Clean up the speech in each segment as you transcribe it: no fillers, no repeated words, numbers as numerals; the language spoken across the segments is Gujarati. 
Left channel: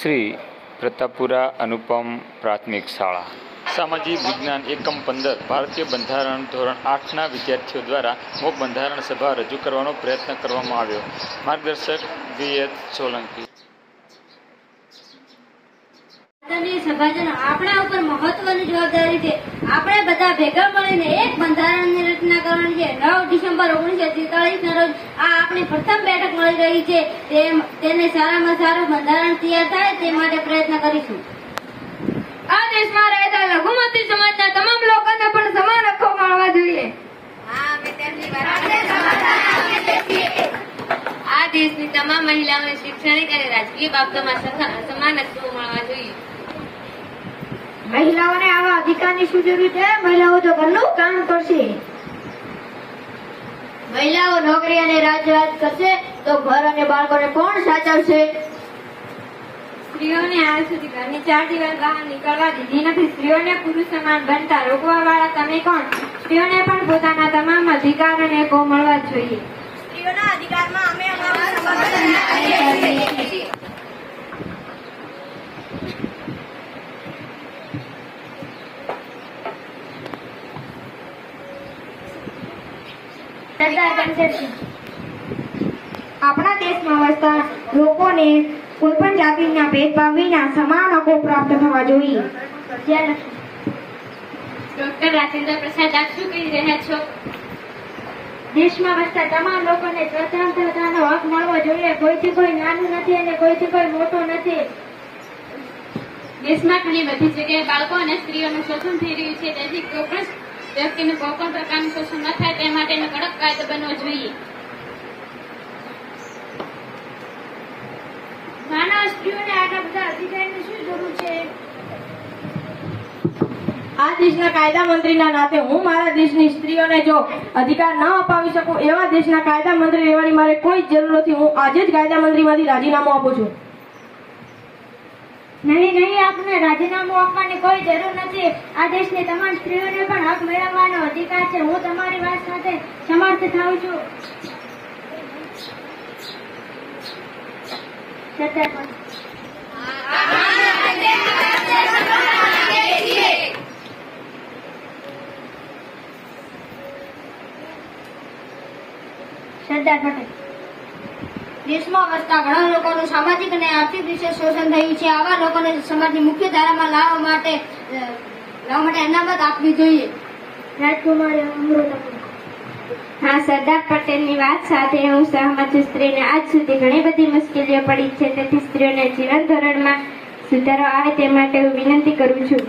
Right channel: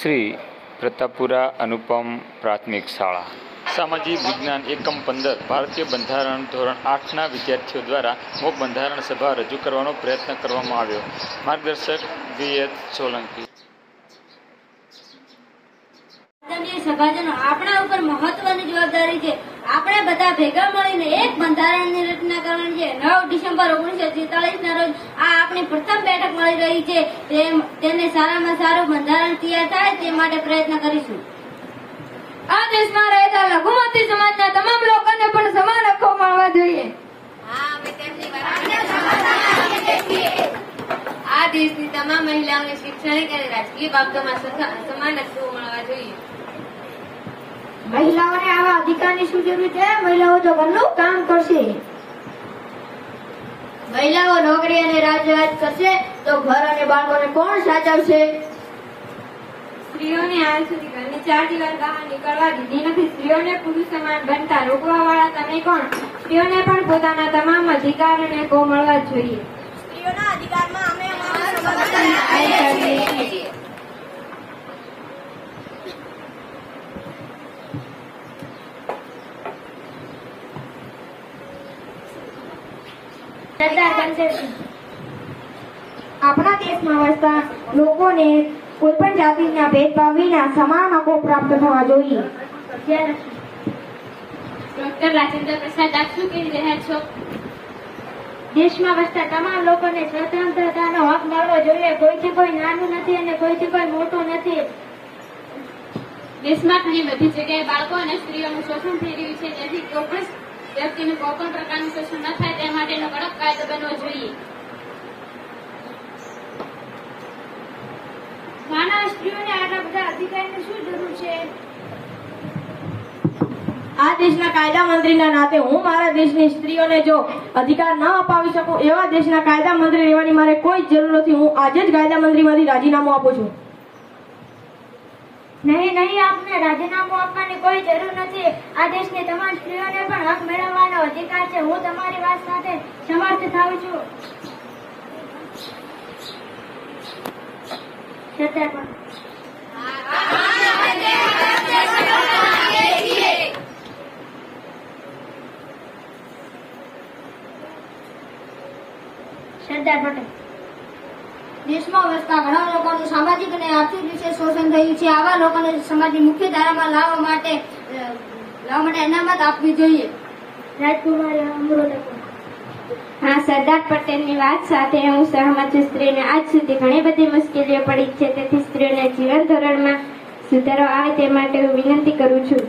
શ્રી પ્રતાપપુરા અનુપમ પ્રાથમિક શાળા સામાજિક વિજ્ઞાન એકમ 15 ભારતીય બંધારણ ધોરણ 8ના વિદ્યાર્થીઓ દ્વારા મોક બંધારણ સભા રજૂ કરવાનો પ્રયત્ન કરવામાં આવ્યો. માર્ગદર્શક VH સોલંકી. સભાજનો આપણા ઉપર મહત્વની જવાબદારી છે. આપણે બધા ભેગા મળીને એક બંધારણની રચના કરવાની છે. 9 ડિસેમ્બર 1943ના રોજ આ આપણી પ્રથમ બેઠક મળી રહી છે. તેને સારામાં સારું બંધારણ તૈયાર થાય તે માટે પ્રયત્ન કરીશું. આ દેશમાં રહેતા લઘુમતી સમાજના તમામ લોકોને પણ સમાન હકો મળવા જોઈએ. આ દેશની તમામ મહિલાઓને શૈક્ષણિક અને રાજકીય બાબતોમાં સમાન હકો મળવા જોઈએ. મહિલાઓને આવા અધિકારની શું જરૂર છે? મહિલાઓ તો ઘરનું કામ કરશે. મહિલાઓ નોકરી અને રાજકાજ કરશે તો ઘર અને બાળકોને કોણ સાચવશે? સ્ત્રીઓને હાલ સુધી ઘરની 4 દિવસ બહાર નીકળવા દીધી નથી. સ્ત્રીઓને પુરુષ સમાન બનતા રોકવા વાળા તમે કોણ? સ્ત્રીઓને પણ પોતાના તમામ અધિકાર અને હકો મળવા જોઈએ. સ્ત્રીઓના અધિકારમાં અમે અમારું સમર્થન આપીએ છીએ. આપણા દેશમાં વસતા લોકોને કોઈ પણ જાતિના ભેદભાવ વિના સમાન હકો પ્રાપ્ત થવા જોઈએ. ડોક્ટર રાજેન્દ્ર પ્રસાદ, આપ શું કહી રહ્યા છો? દેશમાં વસતા તમામ લોકોને સ્વતંત્રતાનો હક મળવો જોઈએ. કોઈથી કોઈ નાનું નથી અને કોઈથી કોઈ મોટો નથી. દેશમાં ઘણી બધી જગ્યાએ બાળકો અને સ્ત્રીઓનું શોષણ થઈ રહ્યું છે. તેથી ચોક્કસ વ્યક્તિનું કોઈ પણ પ્રકારનું શોષણ ન થાય તે માટેનો કડક કાયદો બનવો જોઈએ. નાના સ્ત્રીઓને આટલા બધા અધિકારની શું જરૂર છે? આ દેશના કાયદા મંત્રીના નાતે હું મારા દેશની સ્ત્રીઓને જો અધિકાર ન અપાવી શકું એવા દેશના કાયદા મંત્રી રહેવાની મારે કોઈ જરૂર નથી. હું આજે જ કાયદા મંત્રીમાંથી રાજીનામું આપું છું. નહીં, આપને રાજીનામું આપવાની કોઈ જરૂર નથી. આ દેશની તમામ સ્ત્રીઓને પણ હક મેળવવાનો અધિકાર છે. હું તમારી વાત સાથે સમર્થ થાઉં છું. સરદાર પટેલ. દેશમાં વસતા ઘણા લોકોનું સામાજિક અને આર્થિક રીતે શોષણ થયું છે. આવા લોકોને સમાજની મુખ્ય ધારામાં લાવવા માટે અનામત આપવી જોઈએ. રાજકુમારી અમૃતા. હા, સરદાર પટેલની વાત સાથે હું સહમત છું. સ્ત્રીને આજ સુધી ઘણી બધી મુશ્કેલીઓ પડી છે. તેથી સ્ત્રીઓને જીવન ધોરણમાં સુધારો આવે તે માટે હું વિનંતી કરું છું.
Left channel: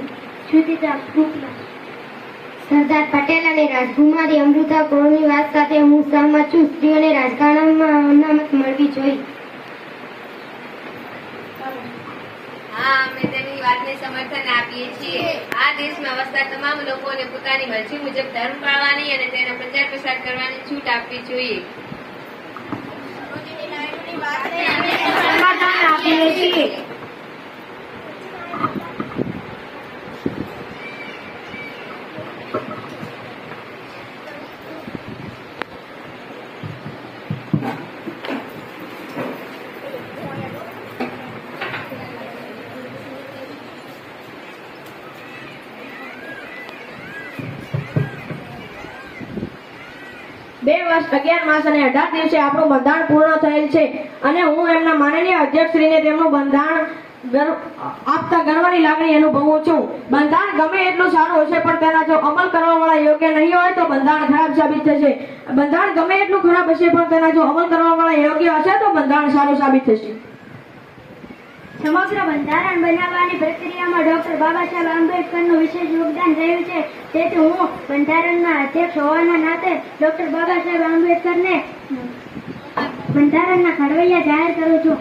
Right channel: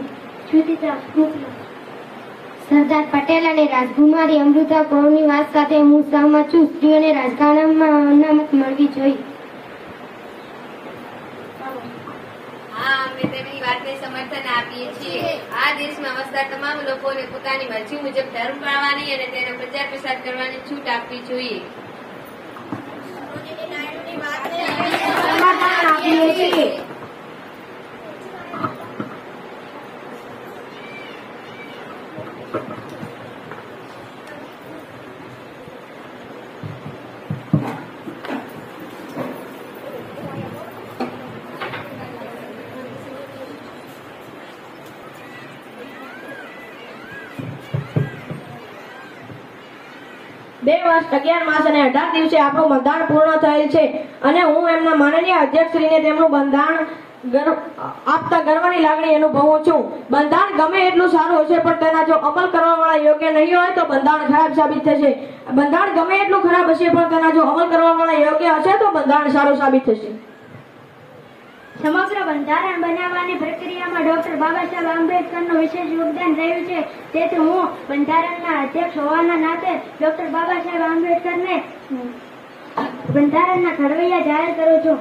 સરદાર પટેલ અને રાજકુમારી અમૃતા કૌરની વાત સાથે હું સહમત છું. સ્ત્રીઓને રાજકારણમાં અનામત મળવી જોઈએ. હા, અમે તેમની વાતને સમર્થન આપીએ છીએ. આ દેશમાં વસતા તમામ લોકોને પોતાની મરજી મુજબ ધર્મ પાળવાની અને તેનો પ્રચાર પ્રસાર કરવાની છૂટ આપવી જોઈએ. બે વર્ષ 11 માસ અને 18 દિવસે આપણું બંધારણ પૂર્ણ થયેલ છે અને હું એમના માનનીય અધ્યક્ષશ્રીને તેમનું બંધારણ આપતા ગર્વની લાગણી અનુભવું છું. બંધારણ ગમે એટલું સારું હશે પણ તેના જો અમલ કરવાવાળા યોગ્ય નહીં હોય તો બંધારણ ખરાબ સાબિત થશે. બંધારણ ગમે એટલું ખરાબ હશે પણ તેના જો અમલ કરવાવાળા યોગ્ય હશે તો બંધારણ સારું સાબિત થશે. સમગ્ર બંધારણ બનાવવાની પ્રક્રિયામાં ડોક્ટર બાબા સાહેબ આંબેડકરનું વિશેષ યોગદાન રહ્યું છે. તેથી હું બંધારણના અધ્યક્ષ હોવાના નાતે ડોક્ટર બાબા સાહેબ આંબેડકરને બંધારણના ઘડવૈયા જાહેર કરું છું.